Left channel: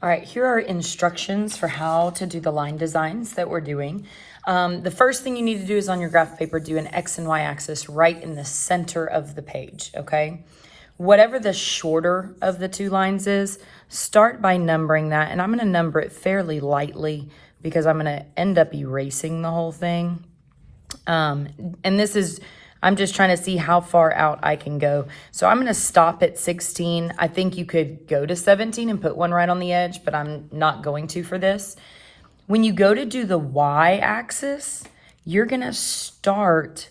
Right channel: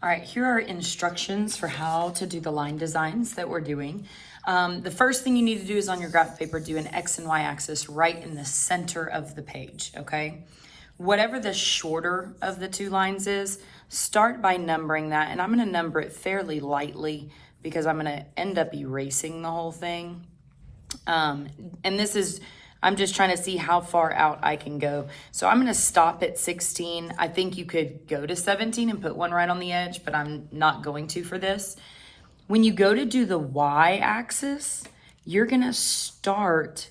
All right, here are instructions for how to do the line designs that we're doing. The first thing you need to do is on your graph paper, do an X and Y axis right in the center of the page, okay? Whatever the shorter of the two lines is, start by numbering that. And I'm gonna number it fairly lightly because I'm gonna end up erasing the whole thing. And this is, I'm just trying to see how far out I can go. So I'm gonna stop at 16. I think you could go to 17 and put one right on the edge, but I'm not going to for this. When you go to do the Y axis, you're gonna start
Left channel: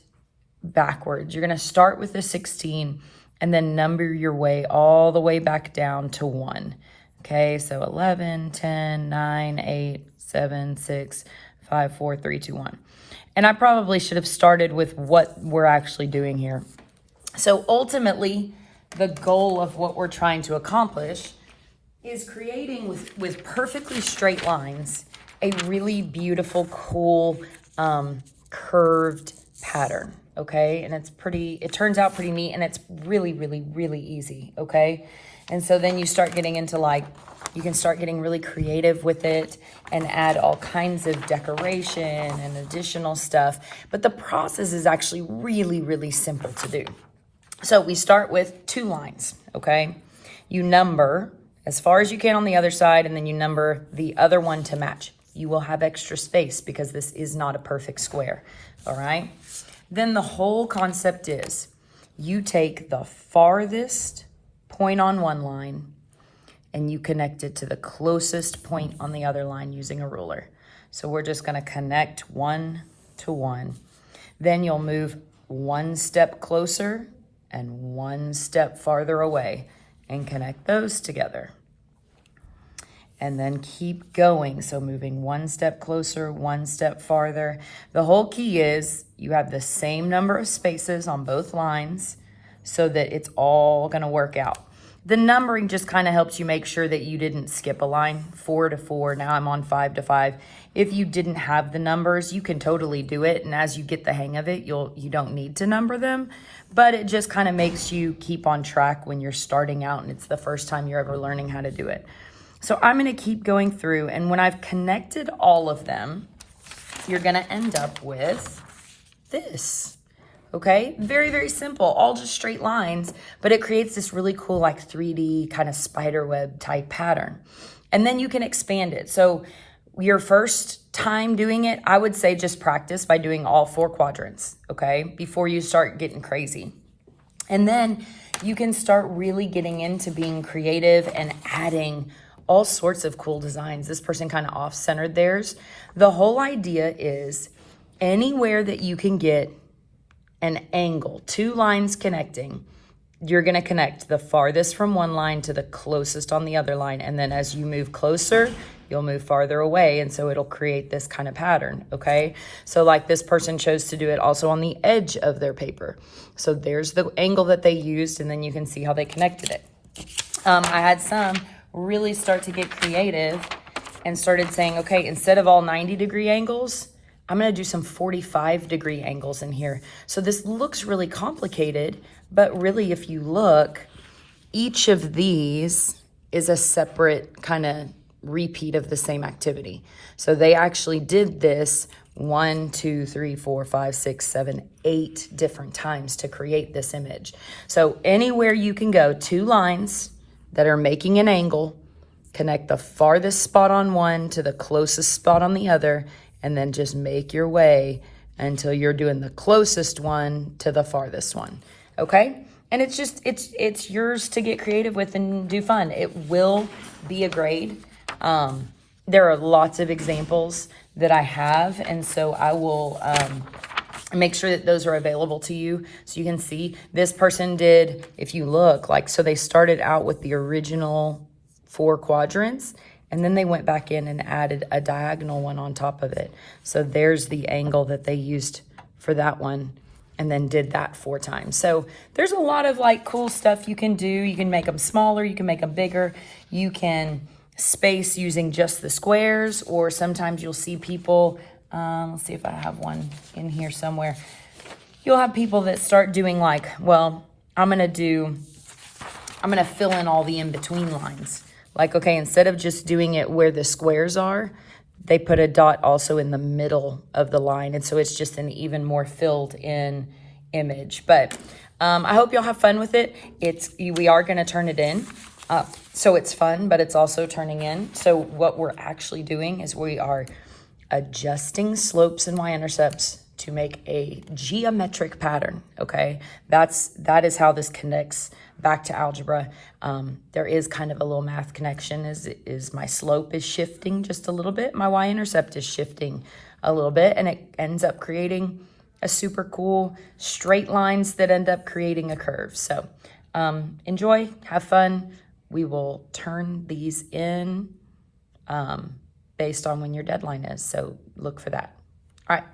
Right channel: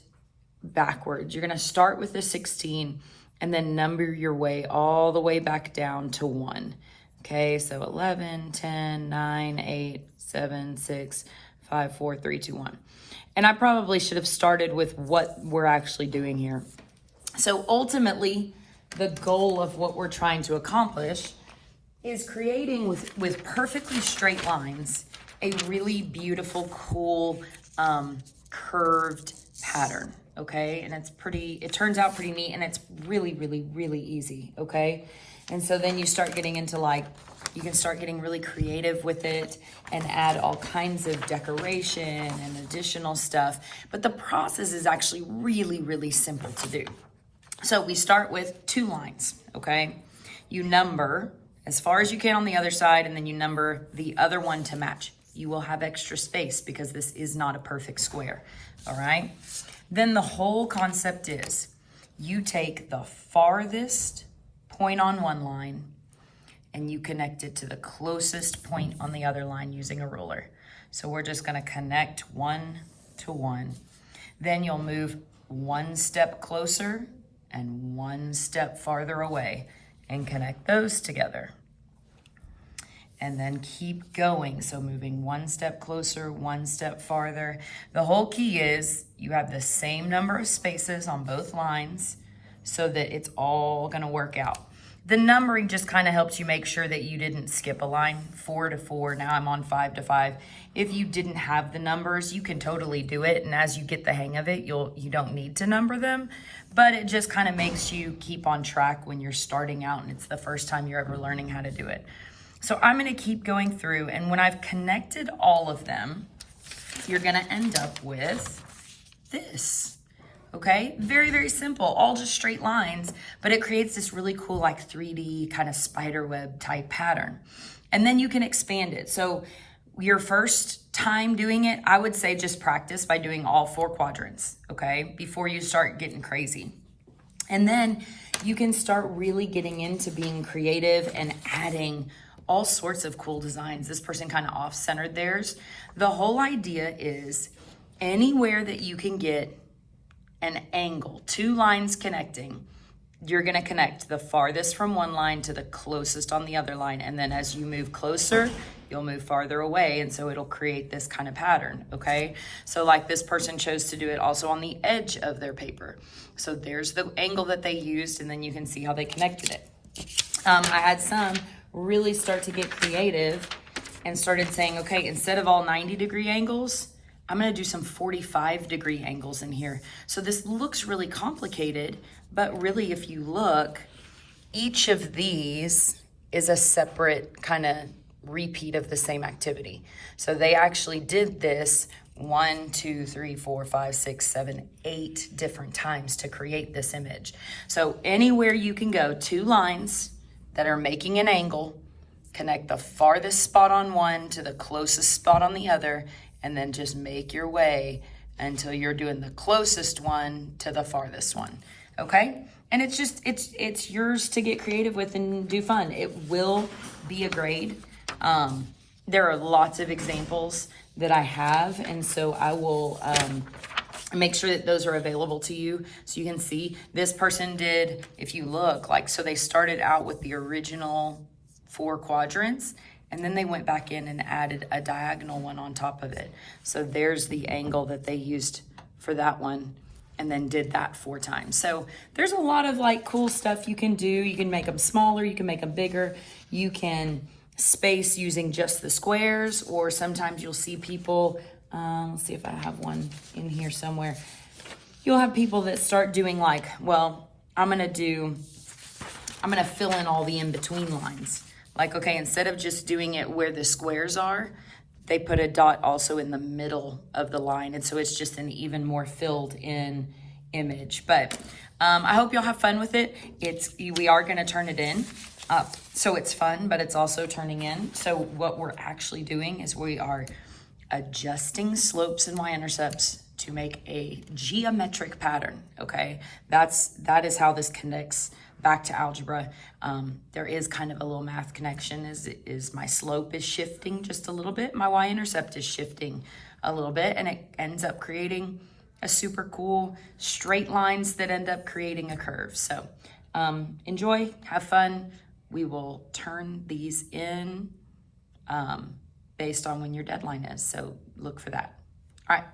backwards. You're gonna start with the 16 and then number your way all the way back down to 1. Okay, so 11, 10, 9, 8, 7, 6, 5, 4, 3, 2, 1. And I probably should have started with what we're actually doing here. So ultimately, the goal of what we're trying to accomplish is creating with perfectly straight lines, a really beautiful, cool, curved pattern, okay? And it turns out pretty neat, and it's really, really, really easy, okay? And so then you start getting into you can start getting really creative with it and add all kinds of decoration and additional stuff. But the process is actually really, really simple to do. So we start with 2 lines, okay? You number as far as you can on the other side, and then you number the other one to match. You will have extra space because this is not a perfect square, all right? Then the whole concept is you take the farthest point on one line and you connect it to the closest point on the other line using a ruler. So we're just gonna connect 1 to 1. Then you'll move 1 step closer and 1 step farther away and connect those together. And then keep going. So moving 1 step closer, 1 step farther. The whole key is you have the same number of spaces on both lines so that it's all gonna work out. The numbering just kind of helps you make sure that you didn't skip a line. 4 to 4, now I'm on 5 to 5. If you didn't have the numbers, you can totally do it. And as you get the hang of it, you don't need to number them, but it just kind of makes you keep on track when you're starting out and it's the first time you're ever learning how to do it. So I'm gonna keep going through, and when I've connected all of them, you're gonna end up with this. Okay, very, very simple, all just straight lines, but it creates this really cool 3D kind of spider web type pattern. And then you can expand it. So your first time doing it, I would say just practice by doing all 4 quadrants, okay, before you start getting crazy. And then you can start really getting into being creative and adding all sorts of cool designs. This person kind of off-centered theirs. The whole idea is anywhere that you can get an angle, 2 lines connecting, you're gonna connect the farthest from one line to the closest on the other line. And then as you move closer, you'll move farther away. And so it'll create this kind of pattern, okay? So like this person chose to do it also on the edge of their paper. So there's the angle that they used, and then you can see how they connected it. I had some really start to get creative and started saying, okay, instead of all 90-degree angles, I'm gonna do some 45-degree angles in here. So this looks really complicated, but really if you look, each of these is a separate kind of repeat of the same activity. So they actually did this 1, 2, 3, 4, 5, 6, 7, 8 different times to create this image. So anywhere you can go, 2 lines that are making an angle, connect the farthest spot on one to the closest spot on the other, and then just make your way until you're doing the closest one to the farthest one, okay? And it's just, it's yours to get creative with and do fun. It will be a grade. There are lots of examples that I have, and so I will make sure that those are available to you so you can see. This person did, if you look, so they started out with the original 4 quadrants, and then they went back in and added a diagonal one on top of it. So there's the angle that they used for that one, and then did that 4 times. So there's a lot of cool stuff you can do. You can make them smaller, you can make them bigger. You can space using just the squares, or sometimes you'll see people, let's see if I have one in here somewhere. You'll have people that start doing well, I'm gonna fill in all the in-between lines. Like, okay, instead of just doing it where the squares are, they put a dot also in the middle of the line. And so it's just an even more filled in image. But I hope y'all have fun with it. We are going to turn it in. So it's fun, but it's also turning in. So what we're actually doing is we are adjusting slopes and y-intercepts to make a geometric pattern, okay? That is how this connects back to algebra. There is kind of a little math connection, is my slope is shifting just a little bit, my y-intercept is shifting a little bit, and it ends up creating a super cool straight lines that end up creating a curve. So enjoy, have fun. We will turn these in based on when your deadline is, so look for that. All right.